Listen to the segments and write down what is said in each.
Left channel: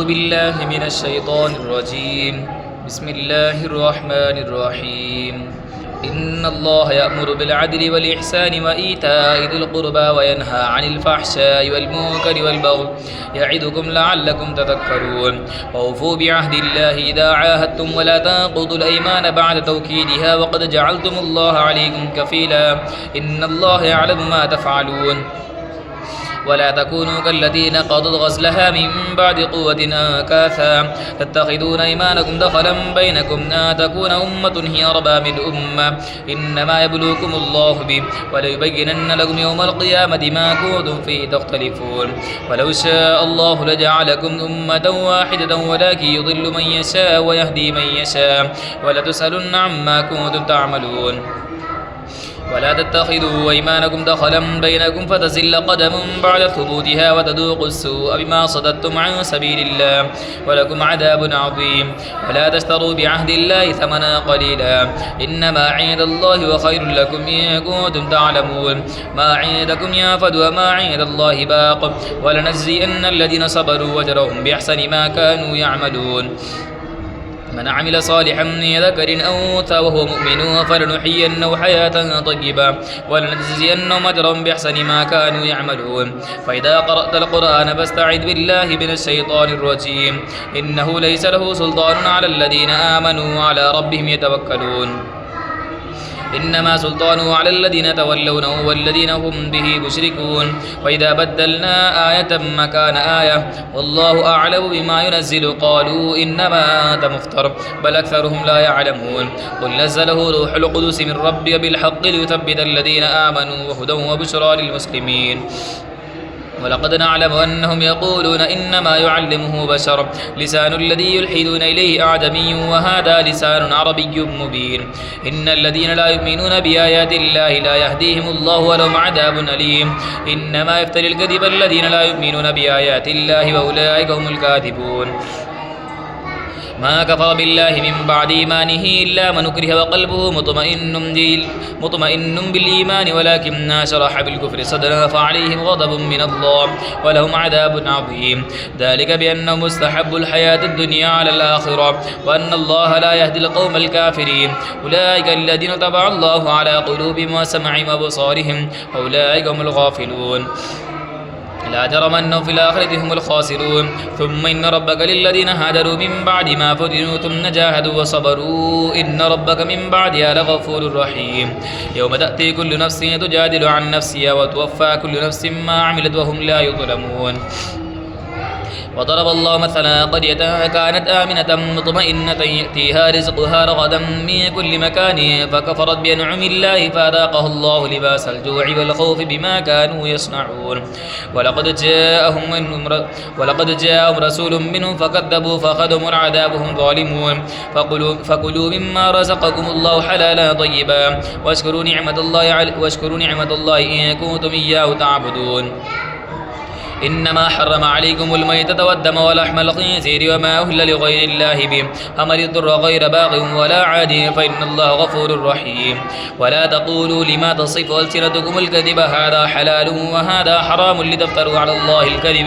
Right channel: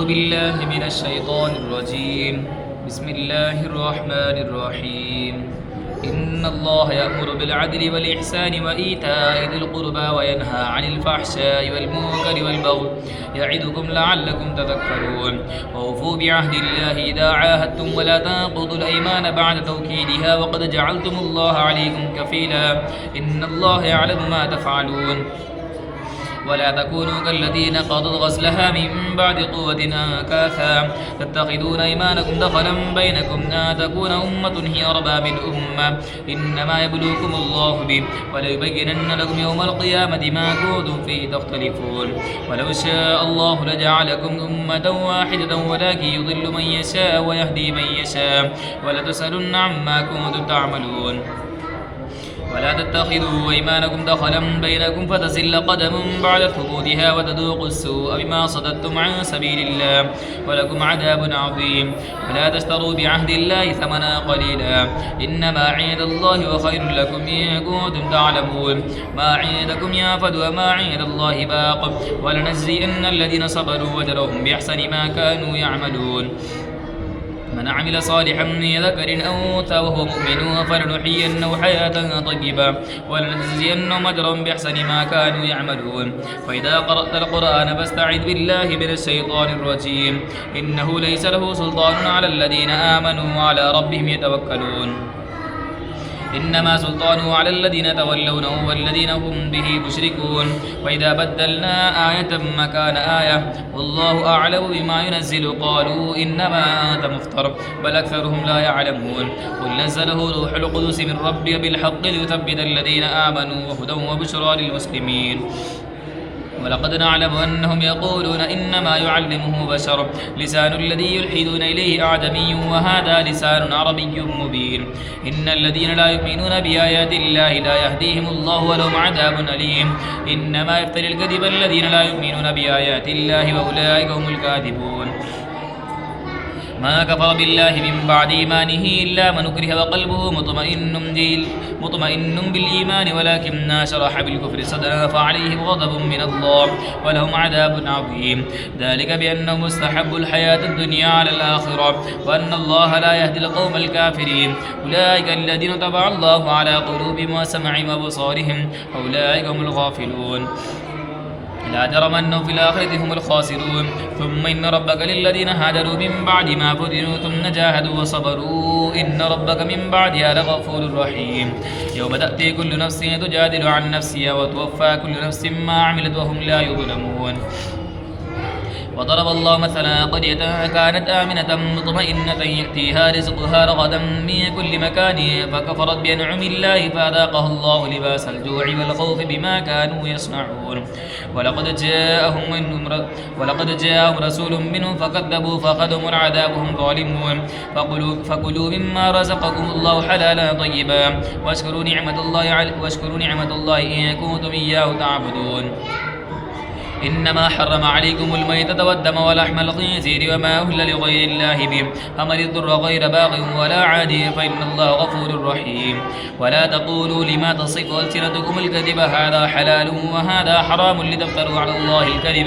أعوذ بالله من الشيطان الرجيم. بسم الله الرحمن الرحيم. إن الله يأمر بالعدل والإحسان وإيتاء ذي القربى وينهى عن الفحشاء والمنكر والبغي يعظكم لعلكم تذكرون. وأوفوا بعهد الله إذا عاهدتم ولا تنقضوا الأيمان بعد توكيدها وقد جعلتم الله عليكم كفيلا إن الله يعلم ما تفعلون. ولا تكونوا كالتي نقضت غزلها من بعد قوة أنكاثا تتخذون أيمانكم دخلا بينكم أن تكون أمة هي أربى من أمة إنما يبلوكم الله به وليبينن لكم يوم القيامة ما كنتم فيه تختلفون. ولو شاء الله لجعلكم أمة واحدة ولكن يضل من يشاء ويهدي من يشاء ولتسألن عما كنتم تعملون. ولا تتخذوا أيمانكم دخلا بينكم فتزل قدم بعد ثبوتها وتذوقوا السوء بما صددتم عن سبيل الله ولكم عذاب عظيم. ولا تشتروا بعهد الله ثمنا قليلا إنما عند الله وخير لكم إن كنتم تعلمون. ما عندكم ينفد وما عند الله باق ولنجزين الذين صبروا وجرهم بأحسن ما كانوا يعملون. من عمل صالحا من ذكر أو أنثى وهو مؤمن فلنحيينه حياة طيبة ولنجزينهم أجرا بأحسن ما كانوا يعملون. فإذا قرأت القرآن فاستعذ بالله من الشيطان الرجيم إنه ليس له سلطان على الذين آمنوا وعلى ربهم يتوكلون. إنما سلطانه على الذين تولونه والذين هم به مشركون. وإذا بدلنا آية مكان آية والله أعلم بما ينزل قالوا إنما أنت مفتر بل أكثرهم لا يعلمون. قل نزله روح القدس من ربك بالحق ليثبت الذين آمنوا وهدى وبشرى للمسلمين. ولقد نعلم أنهم يقولون إنما يعلمه بشر لسان الذي يلحدون إليه أعجمي وهذا لسان عربي مبين. إن الذين لا يؤمنون بآيات الله لا يهديهم الله ولهم عذاب أليم. إنما يفتري الكذب الذين لا يؤمنون بآيات الله وأولئك هم الكاذبون. ما كفر بالله من بعد إيمانه إلا من أكره وقلبه مطمئن بالإيمان ولكن شرح بالكفر صدرا فعليهم غضب من الله ولهم عذاب عظيم. ذلك بأنهم مستحبوا الحياة الدنيا على الآخرة وأن الله لا يهدي القوم الكافرين. أولئك الذين طبع الله على قلوبهم وسمعهم وأبصارهم أولئك هم الغافلون. لا جرم أنهم في الآخرة هم الخاسرون. ثم إن ربك للذين هاجروا من بعد ما فتنوا ثم جاهدوا وصبروا إن ربك من بعدها لغفور رحيم. يوم تأتي كل نفس تجادل عن نفسها وتوفى كل نفس ما عملت وهم لا يظلمون. وضرب الله مثلا قرية كانت آمنة مطمئنة يأتيها رزقها رغدا من كل مكان فكفرت بأنعم الله فأذاقها الله لباس الجوع والخوف بما كانوا يصنعون. ولقد جاءهم رسول منهم فكذبوا فأخذهم العذاب وهم ظالمون. فكلوا مما رزقكم الله حلالا طيبا واشكروا نعمة الله إن كنتم إياه تعبدون. إنما حرم عليكم الميتة والدم ولحم الخنزير وما أهل لغير الله به فمن اضطر غير باغ ولا عاد فإن الله غفور رحيم. ولا تقولوا لما تصف ألسنتكم الكذب هذا حلال وهذا حرام لتفتروا على الله الكذب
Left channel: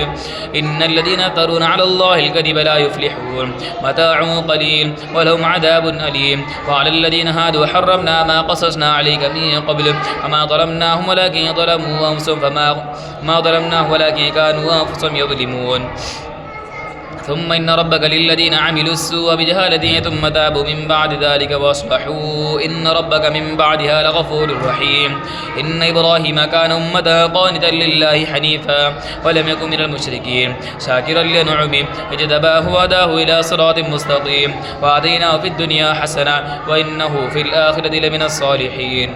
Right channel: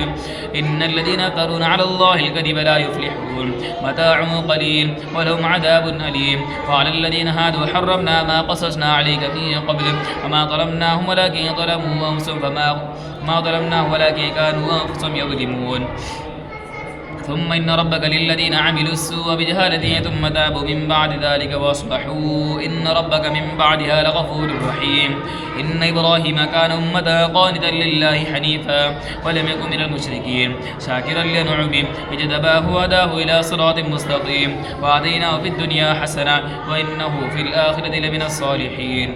إن الذين يفترون على الله الكذب لا يفلحون. متاع قليل ولهم عذاب أليم. وعلى الذين هادوا حرمنا ما قصصنا عليك من قبل وما ظلمناهم ولكن ظلموا أنفسهم ما ظلمناهم ولكن كانوا أنفسهم يظلمون. ثم إن ربك للذين عملوا السوء بجهالة ثم تابوا من بعد ذلك وأصلحوا إن ربك من بعدها لغفور رحيم. إن إبراهيم كان أمة قانتا لله حنيفا ولم يكن من المشركين شاكرا لنعمه اجتباه وهداه إلى صراط مستقيم وآتيناه في الدنيا حسنة وإنه في الآخرة لمن الصالحين.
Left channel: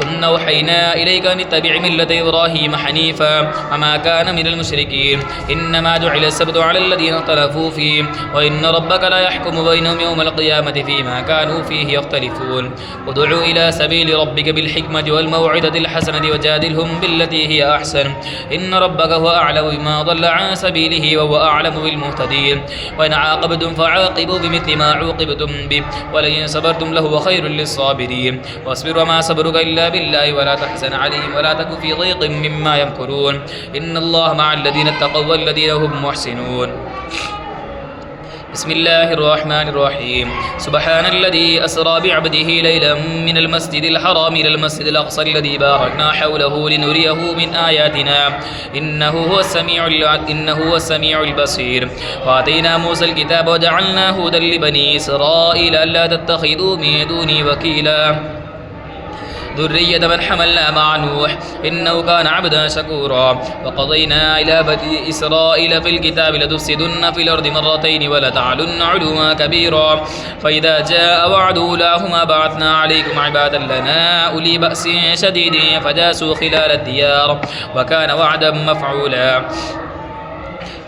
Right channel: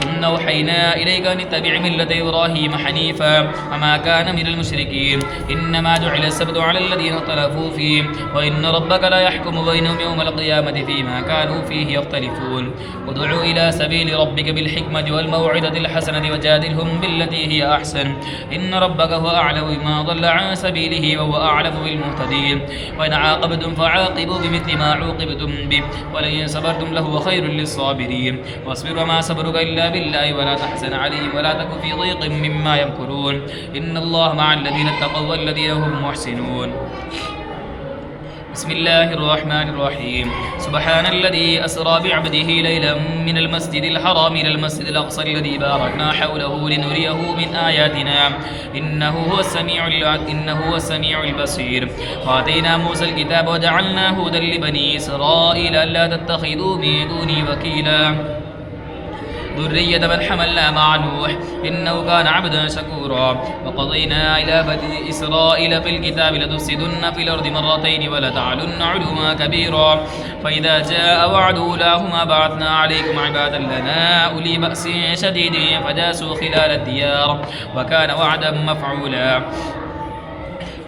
ثم أوحينا إليك أن اتبع ملة إبراهيم حنيفا وما كان من المشركين. إنما جعل السبت على الذين اختلفوا فيه وإن ربك لا يحكم بينهم يوم القيامة فيما كانوا فيه يختلفون. ادعوا إلى سبيل ربك بالحكمة والموعظة الحسنة وجادلهم بالتي هي أحسن إن ربك هو أعلم بما ضل عن سبيله وهو أعلم بالمهتدين. وإن عاقبتم فعاقبوا بمثل ما عوقبتم به ولئن صبرتم لهو خير للصابرين. واصبر وما صبرك إلا بالله ولا تحزن عليهم ولا تك في ضيق مما يمكرون إن الله مع الذين اتقوا والذين هم محسنون. بسم الله الرحمن الرحيم سبحان الذي أسرى بعبده ليلا من المسجد الحرام إلى المسجد الأقصى الذي باركنا حوله لنريه من آياتنا إنه هو السميع البصير. وآتينا موسى الكتاب وجعلناه هدى لبني إسرائيل ألا تتخذوا من دوني وكيلا ذرية من حملنا مع نوح إنه كان عبدا شكورا. وقضينا إلى بني إسرائيل في الكتاب لتفسدن في الأرض مرتين ولتعلن علوا كبيرا فإذا جاء وعد أولاهما بعثنا عليكم عبادا لنا أولي بأس شديد فجاسوا خلال الديار وكان وعدا مفعولا.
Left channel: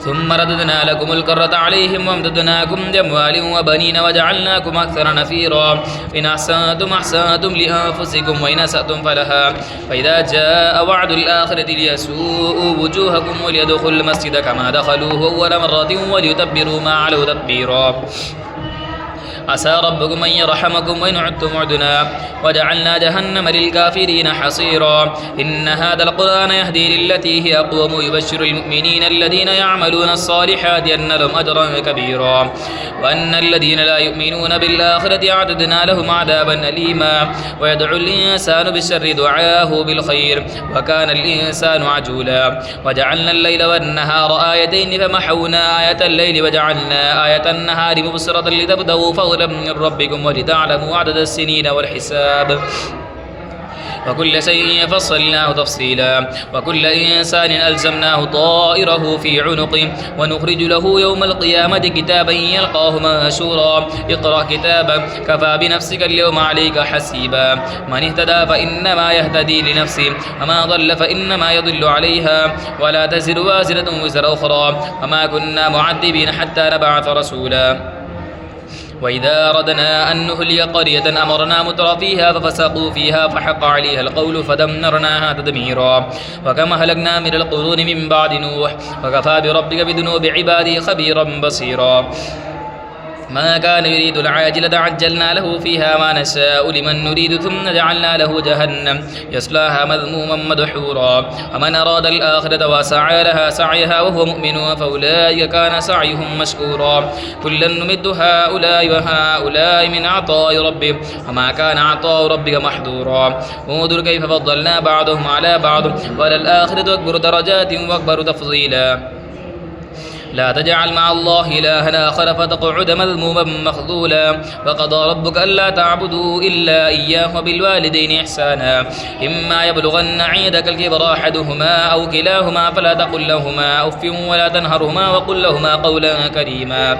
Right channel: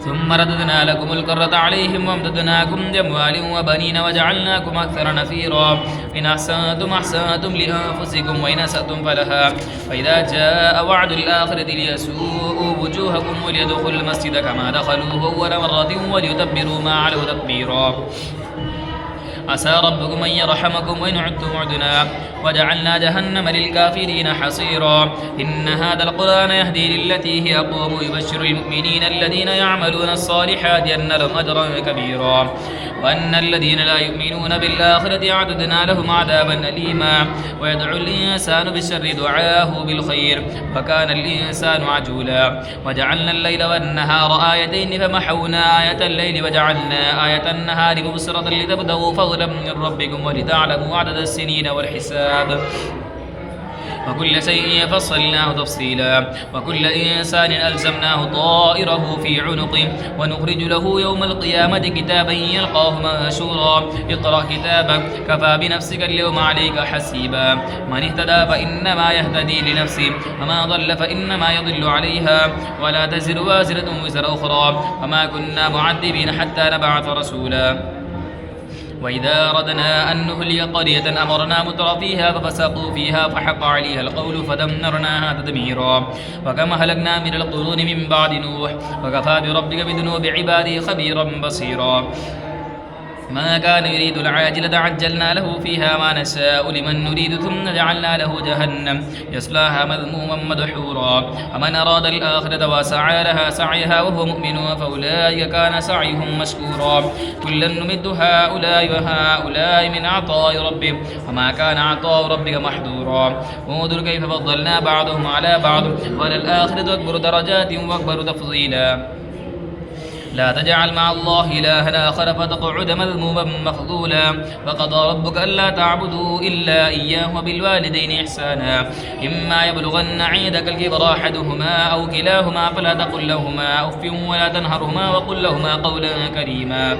ثم رددنا لكم الكرة عليهم وامددناكم بأموال وبنين وجعلناكم أكثر نفيرا إن أحسنتم أحسنتم لأنفسكم وإن أسأتم فلها فإذا جاء وعد الآخرة ليسوءوا وجوهكم وليدخلوا المسجد كما دخلوه أول مرة وليتبروا ما علوا تتبيرا. عسى ربكم أن يرحمكم وإن عدتم عدنا وجعلنا جهنم للكافرين حصيرا. إن هذا القرآن يهدي للتي هي أقوم يبشر المؤمنين الذين يعملون الصالحات أن لهم أجرا كبيرا وأن الذين لا يؤمنون بالآخرة أعتدنا لهم عذابا أليما. ويدعو الإنسان بالشر دعاءه بالخير وكان الإنسان عجولا. وجعلنا الليل والنهار آيتين فمحونا آية الليل وجعلنا آية النهار مبصرة لتبتغوا فضلا من ربكم ولتعلموا عدد السنين والحساب وكل شيء فصلناه تفصيلا. وكل إنسان ألزمناه طائره في عنقه ونخرج له يوم القيامة كتابا يلقاه منشورا اقرأ كتابك كفى بنفسك اليوم عليك حسيبا. من اهتدى فإنما يهتدي لنفسه وما ضل فإنما يضل عليها ولا تزر وازرة وزر أخرى وما كنا معذبين حتى نبعث رسولا. وإذا أردنا أن نهلك قرية أمرنا متر فيها ففسقوا فيها فحق عليها القول فدمرناها تدميرا. وكما أهلكنا من القرون من بعد نوح وكفى بربك بذنوب عباده خبيرا بصيرا. ما كان يريد العاجلة عجلنا له فيها ما نشاء لمن نريد ثم جعلنا له جهنم يصلاها مذموما مدحورا. ومن أراد الآخرة وسعى لها سعيها وهو مؤمن فأولئك كان سعيهم مشكورا. كلا نمد هؤلاء وهؤلاء من عطاء ربهم وما كان عطاء ربك محظورا. انظر كيف فضلنا بعضهم على بعض وللآخرة أكبر درجات وأكبر تفضيلا. لا تجعل مع الله إلها آخر فتقعد مذموما مخذولا. وقضى ربك ألا تعبدوا إلا إياه وبالوالدين إحسانا إما يبلغن عندك الكبر أحدهما أو كلاهما فلا تقل لهما أف ولا تنهرهما وقل لهما قولا كريما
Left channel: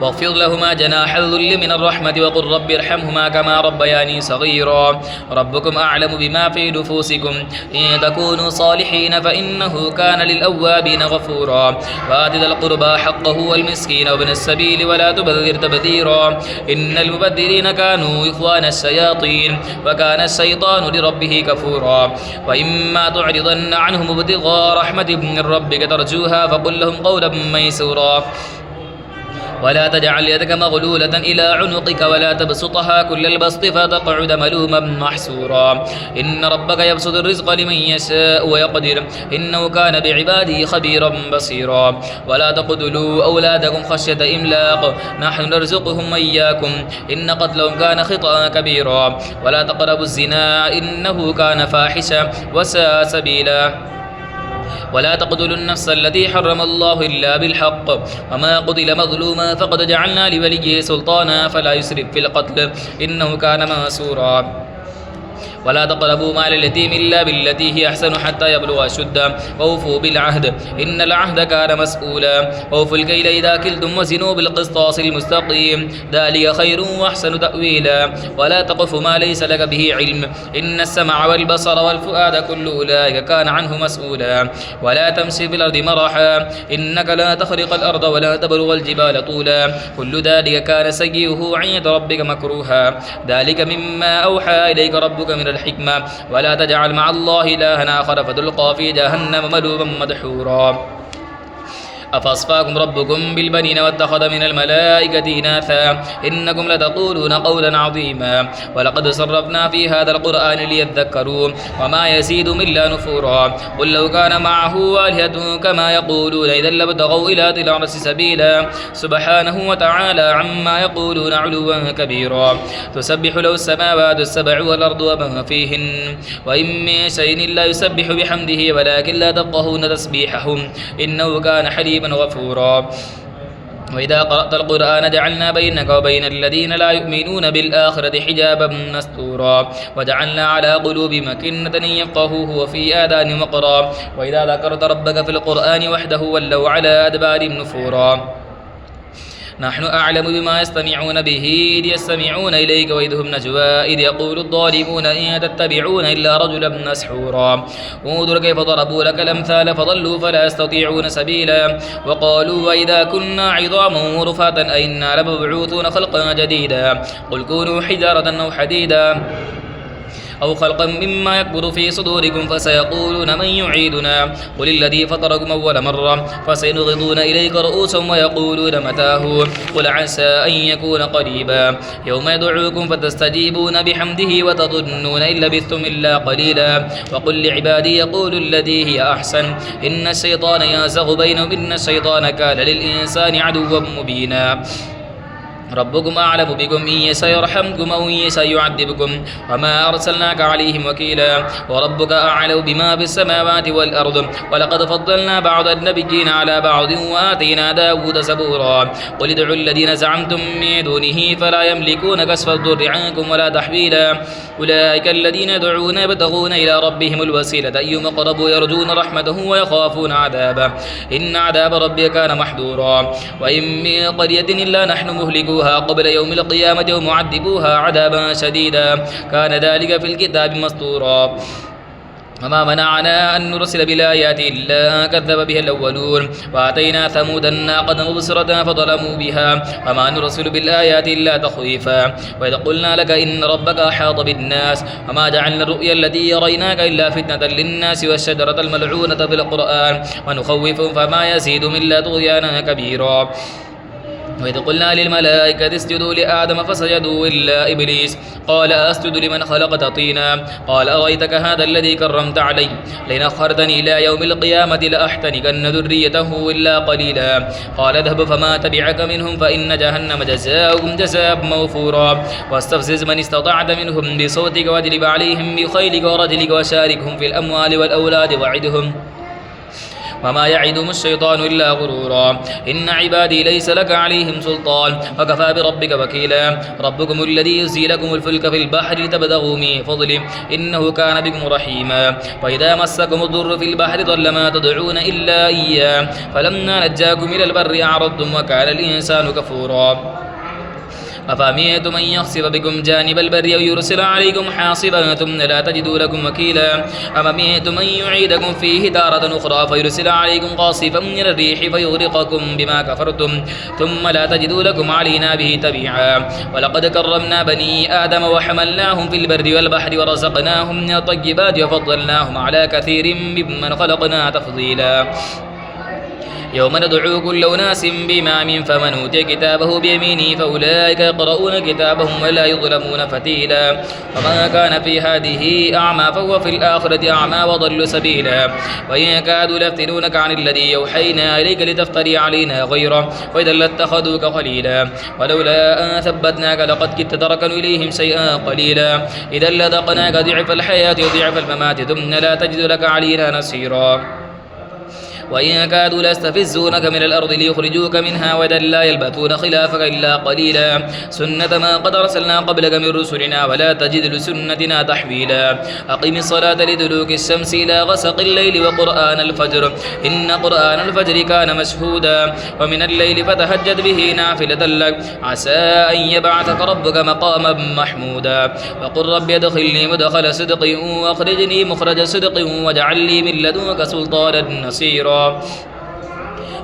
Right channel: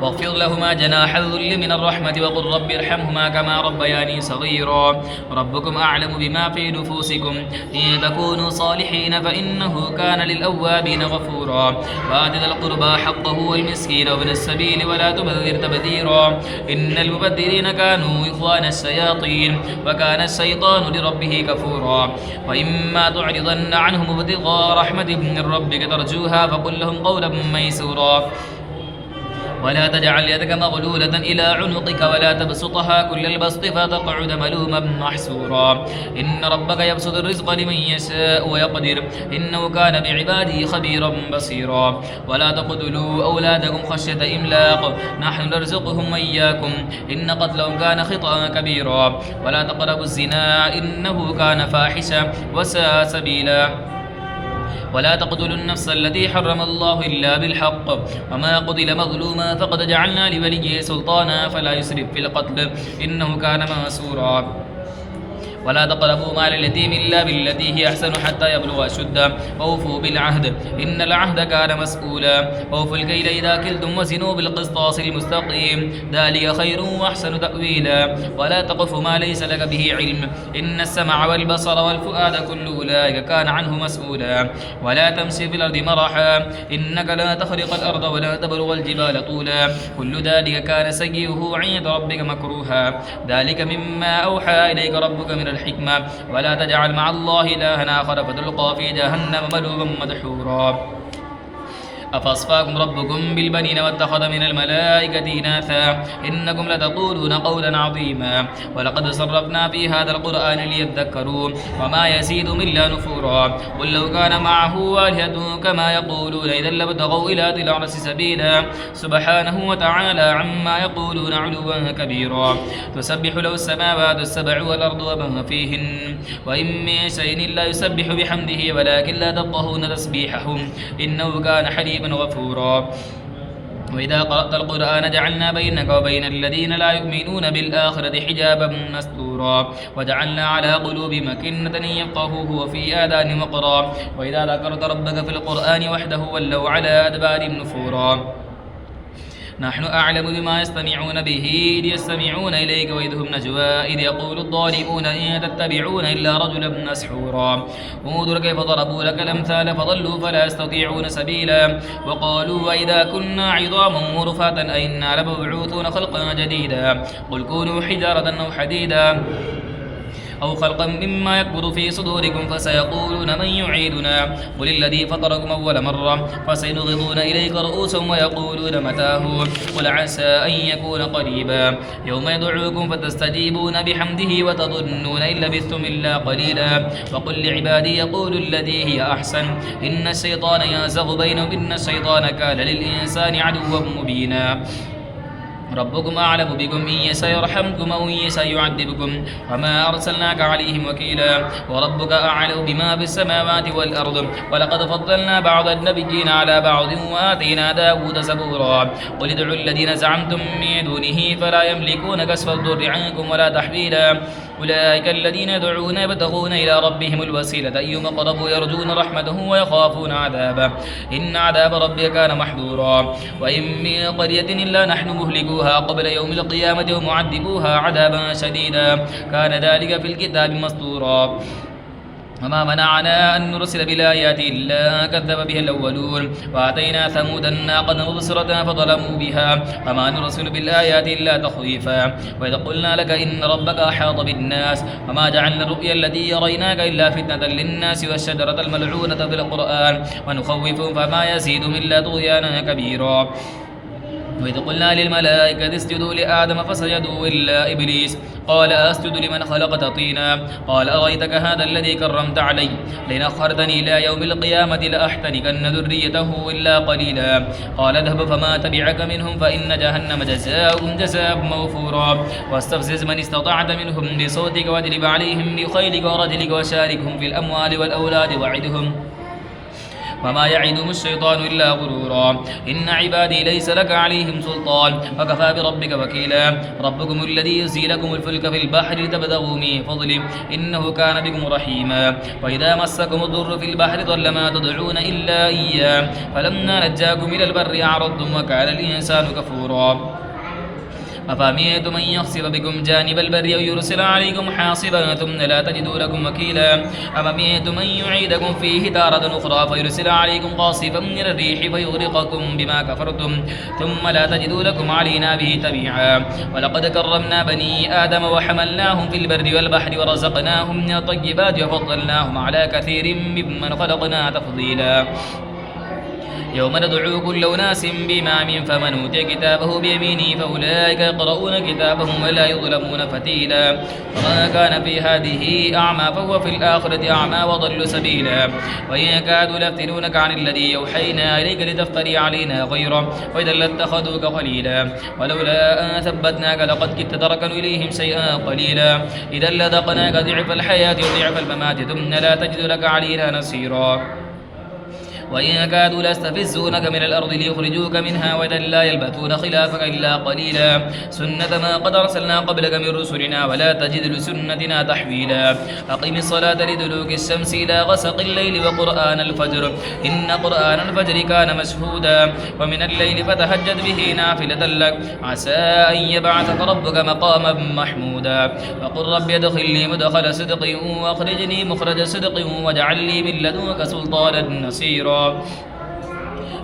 واخفض لهما جناح الذل من الرحمة وقل رب ارحمهما كما ربياني صغيرا. ربكم أعلم بما في نفوسكم إن تكونوا صالحين فإنه كان للأوابين غفورا. وآت ذا القربى حقه والمسكين وابن السبيل ولا تبذر تبذيرا إن المبذرين كانوا إخوان الشياطين وكان الشيطان لربه كفورا. وإما تعرضن عنهم ابتغاء رحمة من ربك ترجوها فقل لهم قولا ميسورا. ولا تجعل يدك مغلولة إلى عنقك ولا تبسطها كل البسط فتقعد ملوما محسورا. إن ربك يبسط الرزق لمن يشاء ويقدر إنه كان بعباده خبيرا بصيرا. ولا تقتلوا أولادكم خشية إملاق نحن نرزقهم وإياكم إن قتلهم كان خطأ كبيرا. ولا تقربوا الزنا إنه كان فاحشا وساء سبيلا. ولا تقتلوا النفس التي حرم الله إلا بالحق وما قتل مظلوما فقد جعلنا لوليه سلطانا فلا يسرف في القتل إنه كان منصورا. ولا تقربوا مال اليتيم إلا بالتي هي أحسن حتى يبلغ أشده وأوفوا بالعهد إن العهد كان مسؤولا. وأوفوا الكيل إذا كلتم وزنوا بالقسطاس المستقيم ذلك خير وأحسن تأويلا. ولا تقف ما ليس لك به علم إن السمع والبصر والفؤاد كل أولئك كان عنه مسؤولا. ولا تمشي في الأرض مرحا إنك لا تخرق الأرض ولا تبلغ الجبال طولا كل ذلك كان سيئه عند ربك مكروها. ذلك مما أوحى إليك ربك من الحكمة. ولا تجعل مع الله إلها آخر فتلقى في جهنم ملوما مدحورا. أفأصفاكم ربكم بالبنين واتخذ من الملائكة إناثا إنكم لتقولون قولا عظيما ولقد صرفنا في هذا القرآن ليذكروا وما يزيدهم إلا نفورا قل لو كان معه آلهة كما يقولون إذا لابتغوا إلى ذي العرش سبيلا سبحانه وتعالى عما يقولون علوا كبيرا تسبح له السماوات السبع والأرض ومن فيهن وإن من شيء إلا يسبح بحمده ولكن لا تفقهون تسبيحهم إنه كان حليما غفورا وإذا قرأت القرآن جعلنا بينك وبين الذين لا يؤمنون بالآخرة حجابا مستورا وجعلنا على قلوبهم أكنة أن يفقهوه وفي آذانهم وقرا وإذا ذكرت ربك في القرآن وحده ولوا على أدبارهم نفورا نحن أعلم بما يستمعون به إذ يستمعون إليك وإذ هم نجوى إذ يقول الظالمون إن تتبعون إلا رجلا مسحورا انظر كيف ضربوا لك الأمثال فضلوا فلا يستطيعون سبيلا وقالوا وإذا كنا عظاما ورفاتا أئنا لمبعوثون خلقا جديدا قل كونوا حجارة أو حديدا أو خلقا مما يكبر في صدوركم فسيقولون من يعيدنا قل الذي فطركم أول مرة فسينغضون إليك رؤوسهم ويقولون متاه قل عسى أن يكون قريبا يوم يدعوكم فتستجيبون بحمده وتظنون إن لبثتم إلا قليلا وقل لعبادي يقولوا الذي هي أحسن إن الشيطان ينزغ بينهم إن الشيطان كان للإنسان عدوا مبينا ربكم أعلم بكم إن يشاء يرحمكم أو إن يشاء يعذبكم وما أرسلناك عليهم وكيلا وربك أعلم بما في السماوات والأرض ولقد فضلنا بعض النبيين على بعض وآتينا داود زبورا قل ادعوا الذين زعمتم من دونه فلا يملكون كشف الضر عنكم ولا تحويلا أولئك الذين يدعون يبتغون إلى ربهم الوسيلة أيهم أقرب يرجون رحمته ويخافون عذابه إن عذاب ربك كان محذورا وإن من قرية إلا نحن مهلكوها قبل يوم القيامة ومعذبوها عذابا شديدا كان ذلك في الكتاب مسطورا وما منعنا أن نرسل بالآيات إلا كذب بها الأولون وآتينا ثمود الناقة مبصرة فظلموا بها وما نرسل بالآيات إلا تخويفا وإذا قلنا لك إن ربك أحاط بالناس وما جعلنا الرؤيا التي يريناك إلا فتنة للناس والشجرة الملعونة في القرآن ونخوفهم فما يزيدهم إلا طغيانا كبيرا وإذ قلنا للملائكة اسجدوا لآدم فسجدوا إلا إبليس قال أسجد لمن خلقت طينا قال أرأيتك هذا الذي كرمت علي لئن أخرتني إلى يوم القيامة لأحتنكن ذريته إلا قليلا قال اذهب فما تبعك منهم فإن جهنم جزاؤهم جزاء موفورا واستفزز من استطعت منهم بصوتك واجلب عليهم بخيلك ورجلك وشاركهم في الأموال والأولاد وعدهم وما يعدهم الشيطان إلا غرورا إن عبادي ليس لك عليهم سلطان وكفى بربك وكيلا ربكم الذي يزي لكم الفلك في البحر لتبتغوا من فضله إنه كان بكم رحيما وإذا مسكم الضر في البحر ضل ما تدعون إلا إياه فلما نجاكم إلى البر أعرضتم وكان الإنسان كفورا أفأمنتم أن يخسف بكم جانب البر أو يرسل عليكم حاصبا ثم لا تجدوا لكم وكيلا أفأمنتم أن يعيدكم فيه تارة أخرى فيرسل عليكم قاصفا من الريح فيغرقكم بما كفرتم ثم لا تجدوا لكم علينا به تبيعا ولقد كرمنا بني آدم وحملناهم في البر والبحر ورزقناهم من الطيبات وفضلناهم على كثير ممن خلقنا تفضيلا يوم ندعو كل أناس بإمام فمن أوتي كتابه بيمينه فأولئك يقرؤون كتابهم ولا يظلمون فتيلا وما كان في هذه أعمى فهو في الآخرة أعمى وضل سبيلا وإن كادوا ليفتنونك عن الذي يوحينا إليك لتفتري علينا غيره وإذا لاتخذوك خليلا ولولا أن ثبتناك لقد كدت تركن إليهم شيئا قليلا إذا لذقناك ضعف الحياة وضعف الممات ثم لا تجد لك علينا نصيرا وإن كادوا ليستفزونك من الأرض ليخرجوك منها وإذا لا يلبثون خلافك إلا قليلا سنة ما قد أرسلنا قبلك من رسلنا ولا تجد لسنتنا تحويلا أقم الصلاة لدلوك الشمس إلى غسق الليل وقرآن الفجر إن قرآن الفجر كان مشهودا ومن الليل فتهجد به نافلة لك عسى أن يبعثك ربك مقاما محمودا وقل رب ادخلني مدخل صدق واخرجني مخرج صدق واجعل لي من لدنك سلطانا نصيرا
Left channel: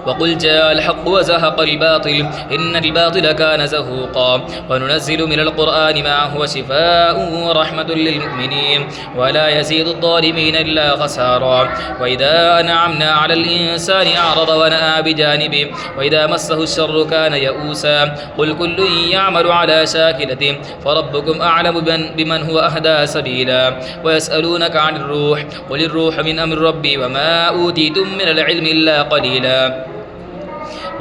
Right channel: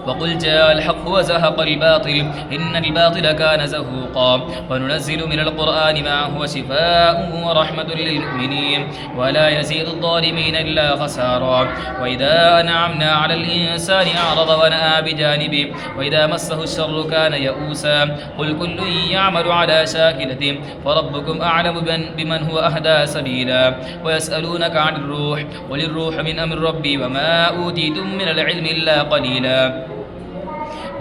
وقل جاء الحق وزهق الباطل إن الباطل كان زهوقا وننزل من القرآن ما هو شفاء ورحمة للمؤمنين ولا يزيد الظالمين إلا خسارا وإذا أنعمنا على الإنسان أعرض ونأى بجانبه وإذا مسه الشر كان يئوسا قل كل يعمل على شاكلته فربكم أعلم بمن هو أهدى سبيلا ويسألونك عن الروح قل الروح من أمر ربي وما أوتيتم من العلم إلا قليلا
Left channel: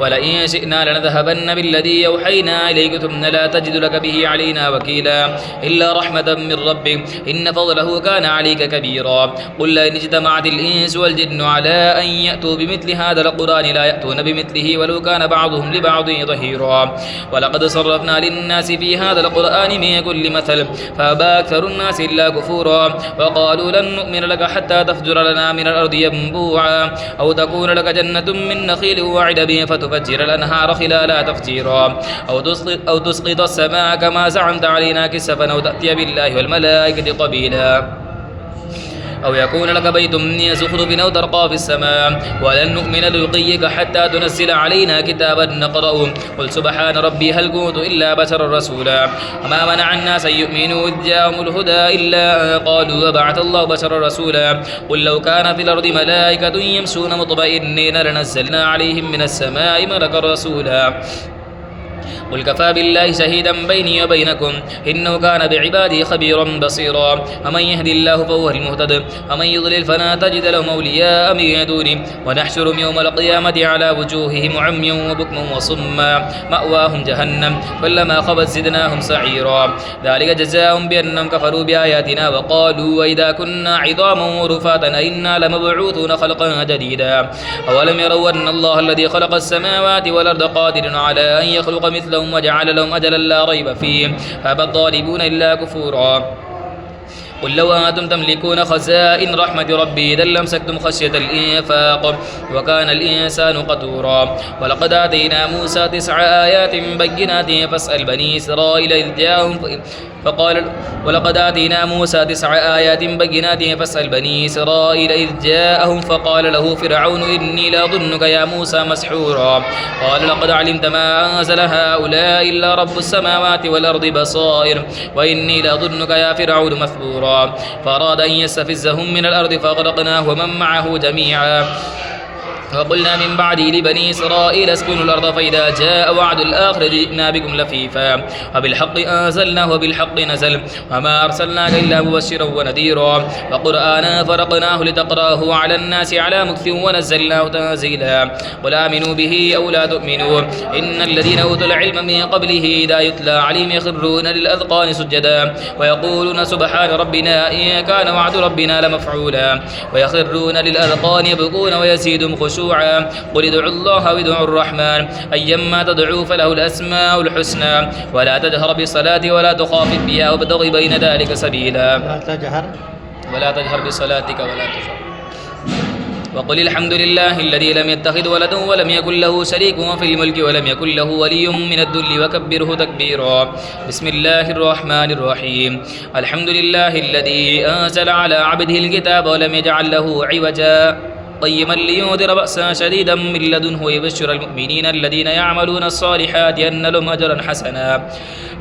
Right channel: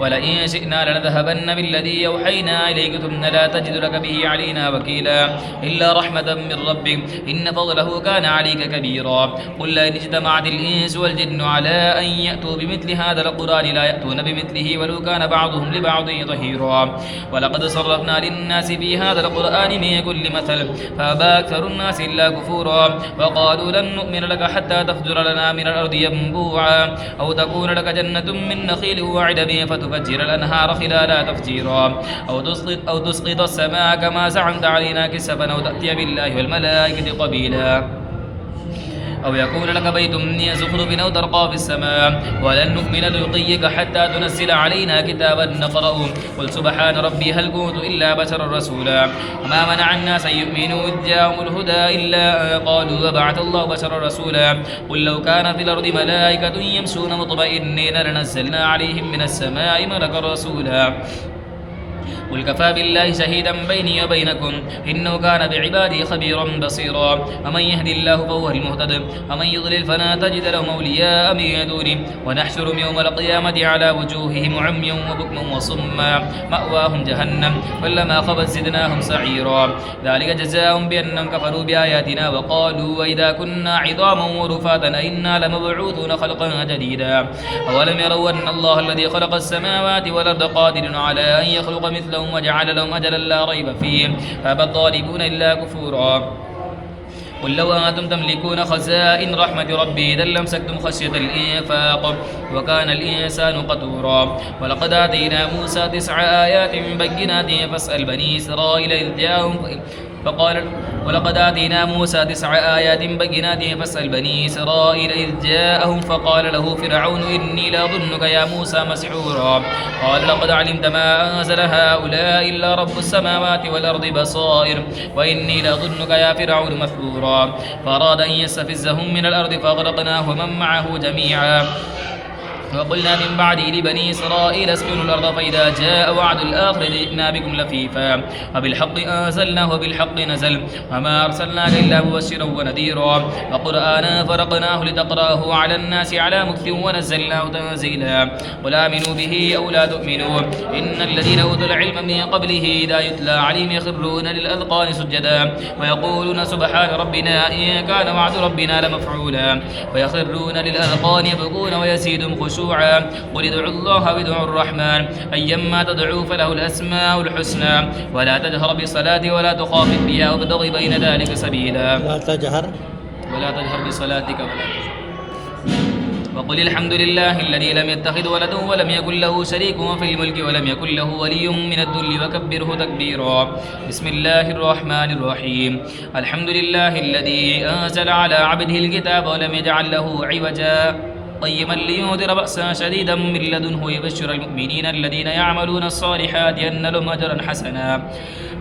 ولئن شئنا لنذهبن بالذي يوحينا إليك ثم لا تجد لك به علينا وكيلا إلا رحمة من ربك إن فضله كان عليك كبيرا قل لئن اجتمعت الإنس والجن على أن يأتوا بمثل هذا القرآن لا يأتون بمثله ولو كان بعضهم لبعض ظهيرا ولقد صرفنا للناس في هذا القرآن من كل مثل فأبى أكثر الناس إلا كفورا وقالوا لن نؤمن لك حتى تفجر لنا من الأرض ينبوعا أو تكون لك جنة من نخيل وعنب فتفجر الأنهار خلالها تفجيرا أو تسقط السماء كما زعمت علينا كسفا أو تأتي بالله والملائكة قبيلا أو يكون لك بيت من زخرف أو ترقى في السماء ولن نؤمن لرقيك حتى تنزل علينا كتابا نقرأه قل سبحان ربي هل كنت إلا بشرا رسولا وما منع الناس أن يؤمنوا إذ جاءهم الهدى إلا قالوا وبعث الله بشرا رسولا قل لو كان في الأرض ملائكة يمشون مطمئنين لنزلنا عليهم من السماء ملكا رسولا قل كفى بالله شهيدا بيني وبينكم إنه كان بعباده خبيرا بصيرا ومن يهدي الله فهو المهتد ومن يضلل فلا تجد لهم أولياء من دونه ونحشرهم يوم القيامة على وجوههم عميا وبكما وصما مأواهم جهنم كلما خبت زدناهم سعيرا ذلك جزاهم بأنهم كفروا بآياتنا وقالوا وإذا كنا عظاما ورفاتا أئنا لمبعوثون خلقا جديدا أولم يروا أن الله الذي خلق السماوات والأرض قادر على أن يخلق مثلهم وجعل لهم أجلا لا ريب فيه فأبى الظالمون إلا كفورا قل لو أنتم تملكون خزائن رحمة ربي إذا لامسكتم خشية الإنفاق وكان الإنسان قتورا ولقد آتينا موسى 9 آيات بينات فاسأل بني إسرائيل إذ جاءهم ولقد آتينا موسى 9 آيات بينات فاسأل بني إسرائيل إذ جاءهم فقال له فرعون إني لأظنك يا موسى مسحورا قال لقد علمت ما أنزل هؤلاء إلا رب السماوات والأرض بصائر وإني لأظنك يا فرعون مثبورا فأراد أن يستفزهم من الأرض فأغرقناه ومن معه جميعا وقلنا من بعده لبني إسرائيل اسكنوا الأرض فإذا جاء وعد الآخرة جئنا بكم لفيفا وبالحق أنزلناه وبالحق نزل وما أرسلناك إلا مبشرا ونذيرا وقرآنا فرقناه لتقرأه على الناس على مكث ونزلناه تنزيلا قل آمنوا به أو لا تؤمنوا إن الذين أوتوا العلم من قبله إذا يتلى عليهم يخرون للأذقان سجدا ويقولون سبحان ربنا إن كان وعد ربنا لمفعولا ويخرون للأذقان يبكون ويزيدهم خشوعا قل ادعوا الله وادعوا الرحمن أيما تدعوا فله الأسماء الحسنى ولا تجهر بالصلاة ولا تخافت بها وابتغ بين ذلك سبيلا ولا تجهر بصلاتك ولا تجهر وقل الحمد لله الذي لم يتخذ ولدا ولم يكن له شريك في الملك ولم يكن له ولي من الذل وكبره تكبيرا بسم الله الرحمن الرحيم الحمد لله الذي أنزل على عبده الكتاب ولم يجعل له عوجا قيما لينذر بأسا شديدا من لدنه ويبشر المؤمنين الذين يعملون الصالحات أن لهم أجرا حسنا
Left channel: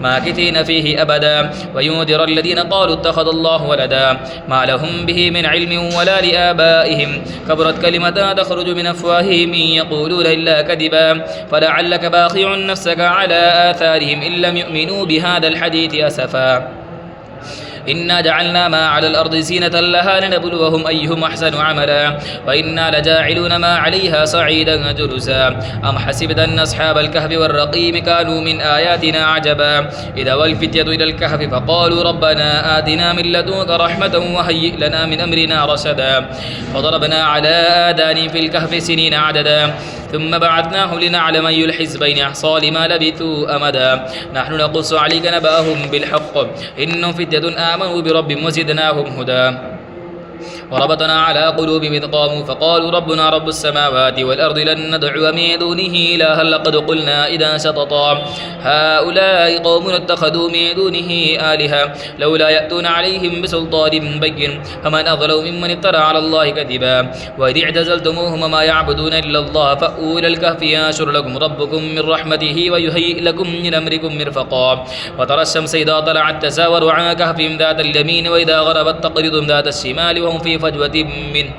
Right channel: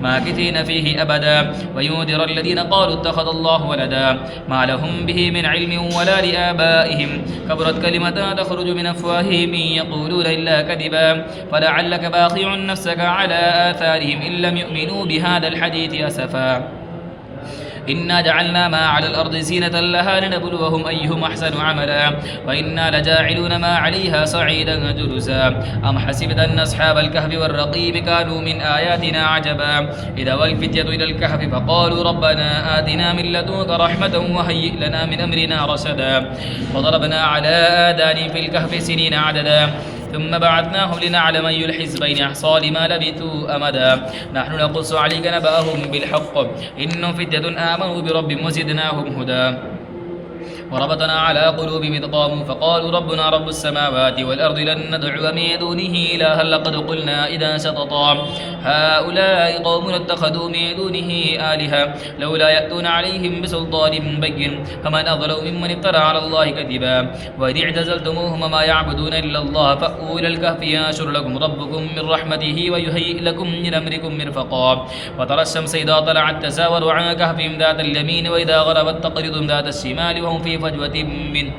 ماكثين فيه أبدا وينذر الذين قالوا اتخذ الله ولدا ما لهم به من علم ولا لآبائهم كبرت كلمة تخرج من أفواههم إن يقولون إلا كذبا فلعلك باخع نفسك على آثارهم إن لم يؤمنوا بهذا الحديث أسفا إنا جعلنا ما على الأرض زينة لها لنبلوهم أيهم أحسن عملا وإنا لجاعلون ما عليها صعيدا جرزا أم حسبت أن أصحاب الكهف والرقيم كانوا من آياتنا عجبا إذا والفتية إلى الكهف فقالوا ربنا آتنا من لدنك رحمة وهيئ لنا من أمرنا رشدا فضربنا على آذانهم في الكهف سنين عددا ثم بعثناهم لنعلم أي الحزبين أحصى لما لبثوا أمدا نحن نقص عليك نبأهم بالحق إنهم فتية آمنوا بربهم وزدناهم هدى وربطنا على قلوبهم إذ قاموا فقالوا ربنا رب السماوات والأرض لن ندعو من دونه إلها لقد قلنا إذا شططا هؤلاء قوم اتخذوا من دونه آلهة لولا يأتون عليهم بسلطان بين فمن أظلم ممن افترى على الله كذبا وإذ اعتزلتموهم وما يعبدون إلا الله فأووا إلى الكهف ينشر لكم ربكم من رحمته ويهيئ لكم من أمركم مرفقا وترى الشمس إذا طلعت تزاور عن كهفهم ذات اليمين وإذا غربت تقرضهم ذات الشمال وهم في فجوة منه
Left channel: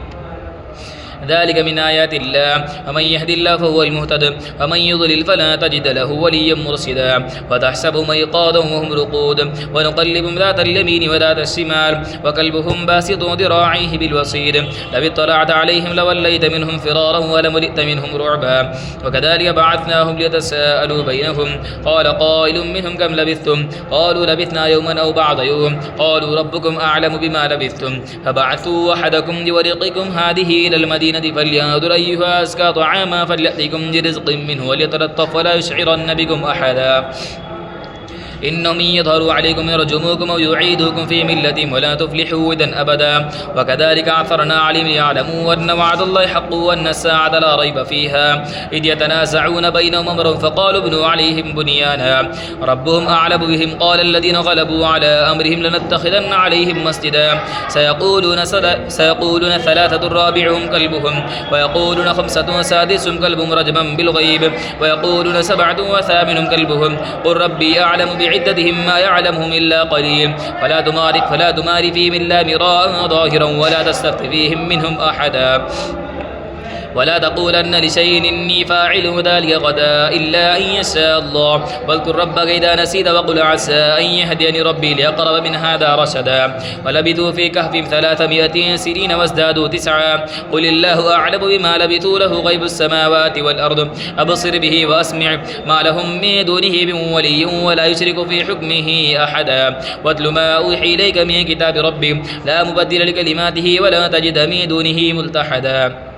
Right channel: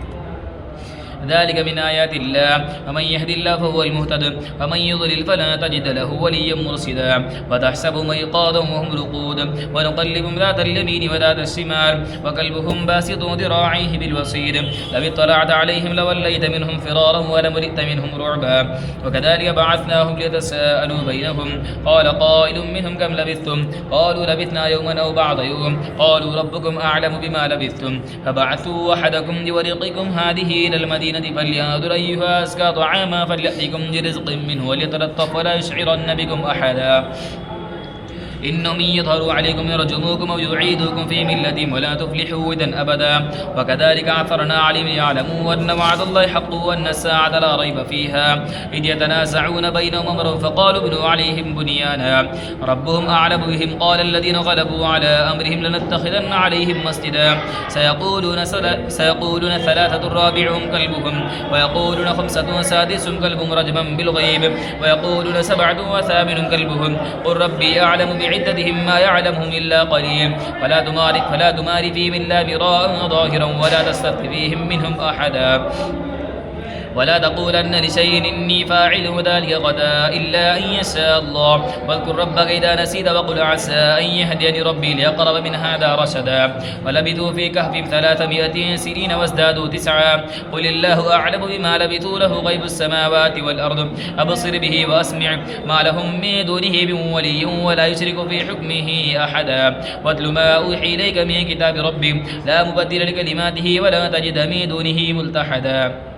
ذلك من آيات الله ومن يهد الله فهو المهتد ومن يضلل فلا تجد له وليا مرشدا وتحسبهم أيقاظا وهم رقود ونقلبهم ذات اليمين وذات الشمال وكلبهم باسط ذراعيه بالوصيد لو اطلعت عليهم لوليت منهم فرارا ولملئت منهم رعبا وكذلك بعثناهم ليتساءلوا بينهم قال قائل منهم كم لبثتم قالوا لبثنا يوما أو بعض يوم قالوا ربكم أعلم بما لبثتم فبعثوا أحدكم بورقكم هذه إلى المدينة فلينظر أيها أزكى طعاما فليأتكم برزق منه وليتلطف ولا يشعرن بكم أحدا إنهم يظهروا عليكم يرجموكم أو يعيدوكم في ملتهم ولا تفلحوا إذا أبدا وكذلك عثرنا عليهم يعلموا أن وعد الله حق وأن الساعة لا ريب فيها إذ يتنازعون بينهم أمرهم فقالوا ابنوا عليهم بنيانا ربهم أعلم بهم قال الذين غلبوا على أمرهم لنتخذن عليهم مسجدا سيقولون ثلاثة رابعهم كلبهم ويقولون خمسة سادسهم كلبهم رجما بالغيب ويقولون سبعة وثامن كلبهم قل ربي أعلم بعدتهم ما يعلمهم إلا قليل فلا تمار فيهم إلا مراء ظاهرا ولا تستفت فيهم منهم أحدا ولا تقولن لشيء إني فاعل ذلك غدا إلا أن يشاء الله واذكر ربك إذا نسيت وقل عسى أن يهديني ربي لأقرب من هذا رشدا ولبثوا في كهفهم 300 سنين وازدادوا 9 قل الله أعلم بما لبثوا له غيب السماوات والأرض أبصر به وأسمع ما لهم من دونه من ولي ولا يشرك في حكمه أحدا واتل ما أوحي إليك من كتاب ربي لا مبدل لكلماته ولا تجد من دونه ملتحدا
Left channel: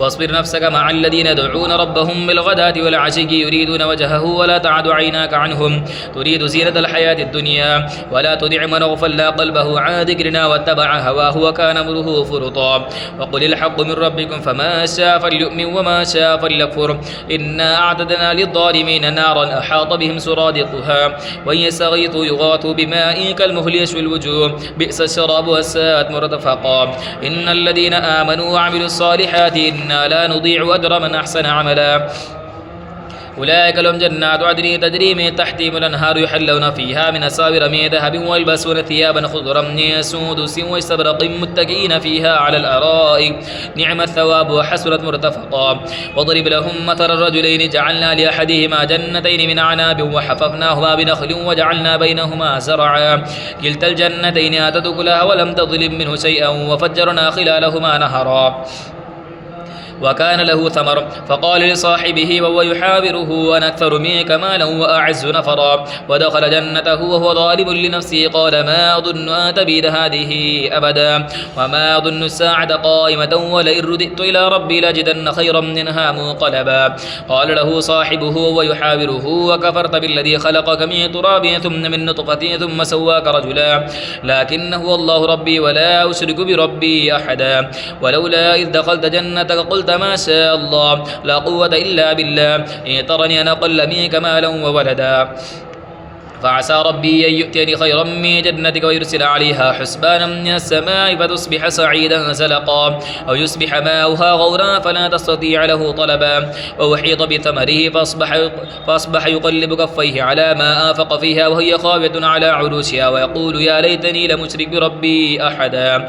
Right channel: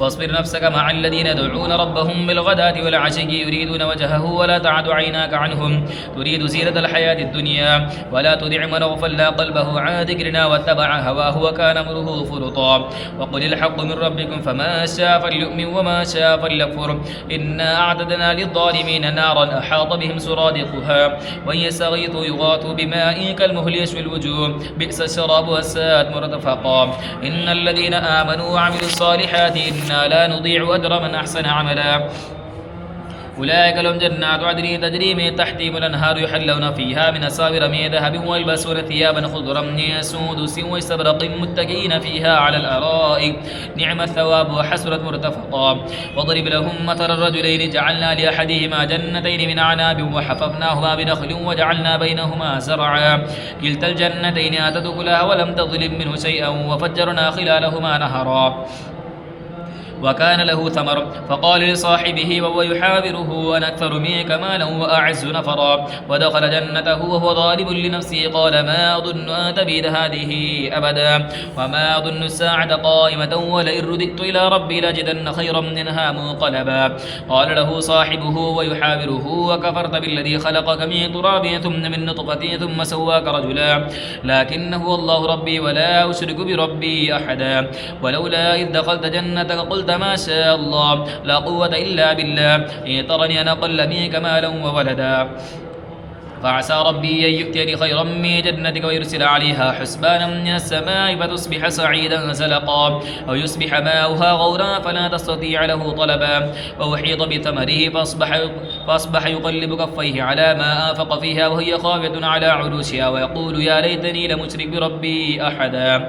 واصبر نفسك مع الذين يدعون ربهم بالغداة والعشي يريدون وجهه ولا تعد عيناك عنهم تريد زينة الحياة الدنيا ولا تدع من أغفلنا قلبه عن ذكرنا واتبع هواه وكان أمره فرطا وقل الحق من ربكم فما شاء فليؤمن وما شاء فليكفر إنا أعتدنا للظالمين نارا أحاط بهم سرادقها وإن يستغيثوا يغاثوا بماء كالمهل يشوي الوجوه بئس الشراب والساءت مرتفقا إن الذين آمنوا وعملوا الصالحات إنا لا نضيع أجر من أحسن عملا أولئك لهم جنات عدن تجري من تحتهم الأنهار يحلون فيها من أساور من ذهب ويلبسون ثيابا خضرا من سندس واستبرق متكئين فيها على الأرائك نعم الثواب وحسنت مرتفقا وضرب لهم مثل الرجلين جعلنا لأحدهما جنتين من أعناب وحففناهما بنخل وجعلنا بينهما زرعا كلتا الجنتين آتت أكلها ولم تظلم منه شيئا وفجرنا خلالهما نهرا وكان له ثمر فقال لصاحبه وهو يحاوره أنا أكثر منك مالا وأعز نفرا ودخل جنته وهو ظالم لنفسه قال ما أظن أن تبيد هذه أبدا وما أظن الساعة قائمة ولئن رددت إلى ربي لأجدن خيرا منها منقلبا قال له صاحبه وهو يحاوره وكفرت بالذي خلقك من تراب ثم من نطفة ثم سواك رجلا لكن هو الله ربي ولا أشرك بربي أحدا ولولا إذ دخلت جنتك قلت ما شاء الله لا قوة إلا بالله إن ترني أنا أقل منك مالا وولدا فعسى ربي أن يؤتيني خيرا من جنتك ويرسل عليها حسبانا من السماء فتصبح سعيدا زلقا أو يصبح ماؤها غورا فلا تستطيع له طلبا وأحيط بثمره فأصبح يقلب كفيه على ما آنفق فيها وهي خاوية على عروشها ويقول يا ليتني لم أشرك بربي أحدا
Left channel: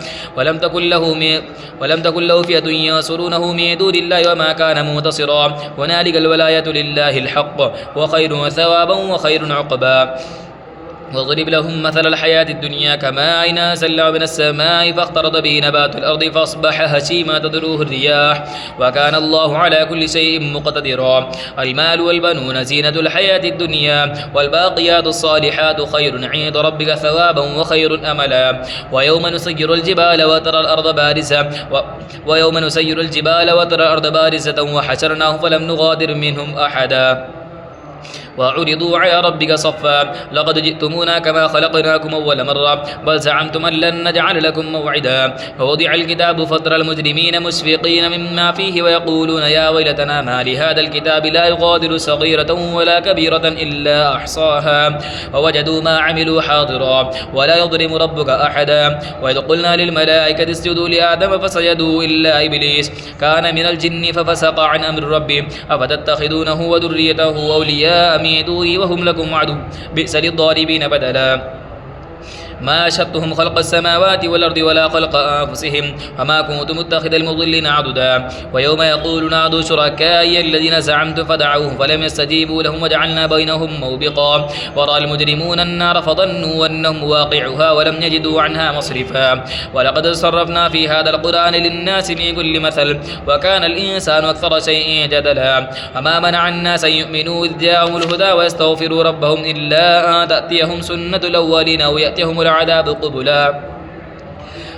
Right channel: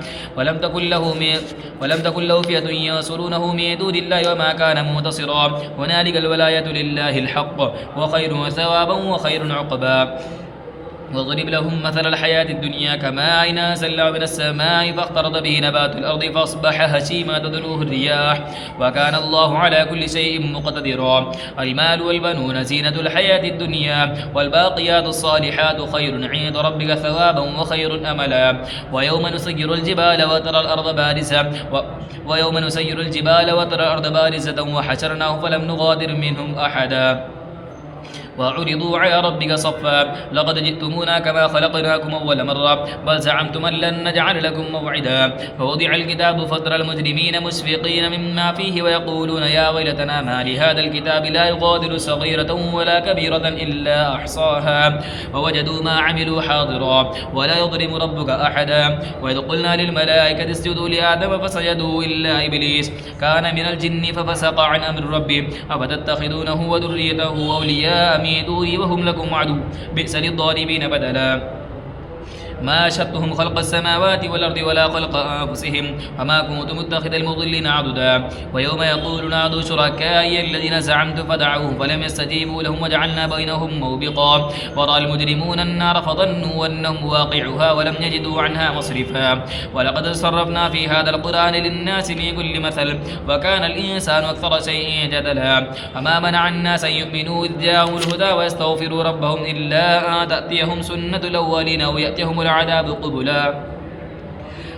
ولم تكن له فئة ينصرونه من دون الله وما كان منتصرا هنالك الولاية لله الحق وخير ثوابا وخير عقبا واضرب لهم مثل الحياة الدنيا كماء أنزلناه من السماء فاختلط به نبات الأرض فأصبح هشيما تذروه الرياح وكان الله على كل شيء مقتدرا المال والبنون زينة الحياة الدنيا والباقيات الصالحات خير عند ربك ثوابا وخير أملا ويوم نسير الجبال وترى الأرض بارزة وحشرناه فلم نغادر منهم أحدا وعرضوا على ربك صفا لقد جئتمونا كما خلقناكم أول مرة بل زعمتم أن لن نجعل لكم موعدا فوضع الكتاب فترى المجرمين مشفقين مما فيه ويقولون يا ويلتنا ما لهذا الكتاب لا يغادر صغيرة ولا كبيرة إلا أحصاها ووجدوا ما عملوا حاضرا ولا يظلم ربك أحدا وإذ قلنا للملائكة اسجدوا لآدم فسجدوا إلا إبليس كان من الجن ففسق عن أمر ربه أفتتخذونه وذريته أولياء من دوني وهم لكم عدو بئس للظالمين بدلا ما أشهدتهم خلق السماوات والأرض ولا خلق أنفسهم وما كنت متخذ المضلين عضدا ويوم يقول نادوا شركائي الذين زعمتم فدعوهم فلم يستجيبوا لهم وجعلنا بينهم موبقا ورأى المجرمون النار فظنوا أنهم واقعها ولم يجدوا عنها مصرفا ولقد صرفنا في هذا القرآن للناس من كل مثل وكان الإنسان أكثر شيء جدلا وما منع الناس أن يؤمنوا إذ جاءهم الهدى ويستغفروا ربهم إلا أن تأتيهم سنة الأولين أو يأتيهم العذاب قبلا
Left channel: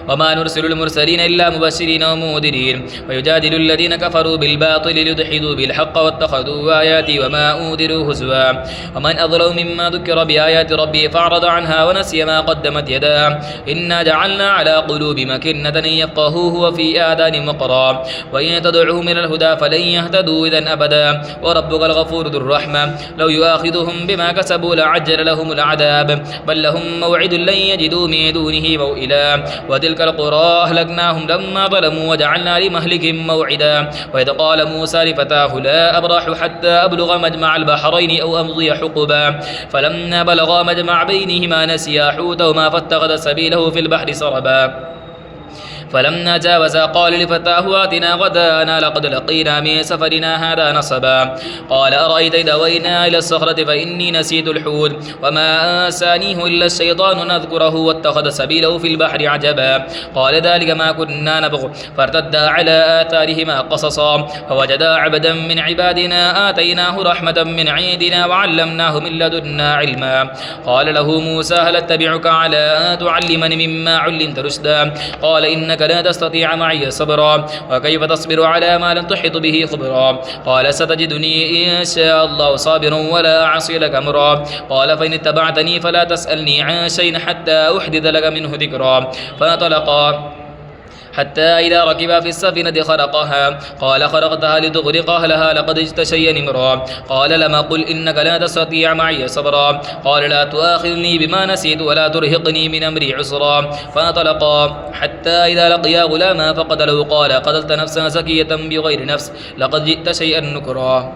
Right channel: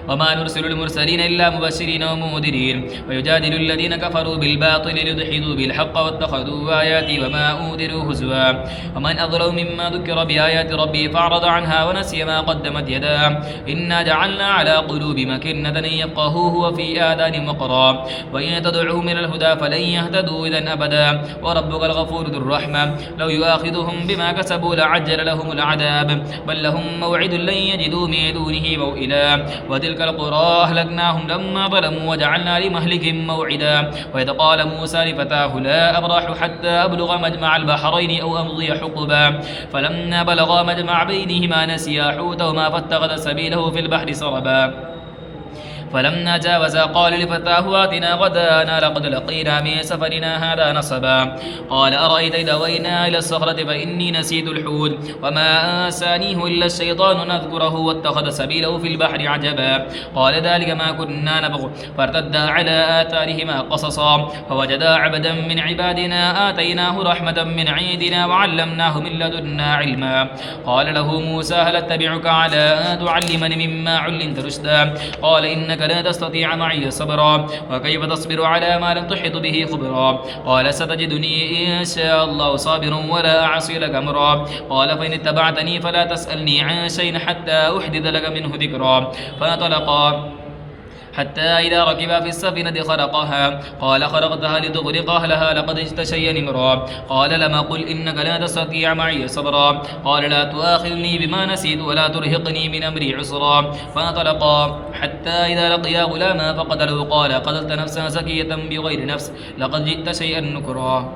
وما نرسل المرسلين إلا مبشرين ومنذرين ويجادل الذين كفروا بالباطل ليدحضوا بالحق واتخذوا آياتي وما أنذروا هزوا ومن أظلم مما ذكر بآيات ربه فأعرض عنها ونسي ما قدمت يداه إنا جعلنا على قلوب مكنة أن يفقهوه وفي آذان وقرا وإن تدعوهم إلى الهدى فلن يهتدوا إذا أبدا وربك الغفور ذو الرحمة لو يؤاخذهم بما كسبوا لعجل لهم العذاب بل لهم موعد لن يجدوا من دونه موئلا وتلك القرى أهلكناهم لما ظلموا وجعلنا لمهلكهم موعدا وإذ قال موسى لفتاه لا أبرح حتى أبلغ مجمع البحرين أو أمضي حقبا فلما بلغا مجمع بينهما نسيا حوتهما فاتخذ سبيله في البحر سربا فلما جاوزا قال لفتاه آتنا غدانا لقد لقينا من سفرنا هذا نصبا قال أرأيت إذا أوينا إلى الصخرة فإني نسيت الحوت وما أنسانيه إلا الشيطان نذكره واتخذ سبيله في البحر عجبا قال ذلك ما كنا نبغ فارتدا على آثارهما قصصا فوجدا عبدا من عبادنا آتيناه رحمة من عندنا وعلمناه من لدنا علما قال له موسى هل أتبعك على أن تعلمني مما علمت رشدا قال إنك لا تستطيع معي صبرا وكيف تصبر على ما لم تحط به خبرا قال ستجدني إن شاء الله صابرا ولا أعصي لك أمرا قال فإن اتبعتني فلا تسألني عن شيء حتى أحدث لك منه ذكرا فانطلقا حتى إذا ركبا في السفينة خرقها قال خرقتها لتغرق أهلها لقد جئت شيئا إمرا قال لما قل إنك لا تستطيع معي صبرا قال لا تؤاخذني بما نسيت ولا ترهقني من أمري عسرا فانطلقا حتى إذا لقيا غلاما فقتله قال قتلت نفسا زكية بغير نفس لقد جئت شيئا نكرا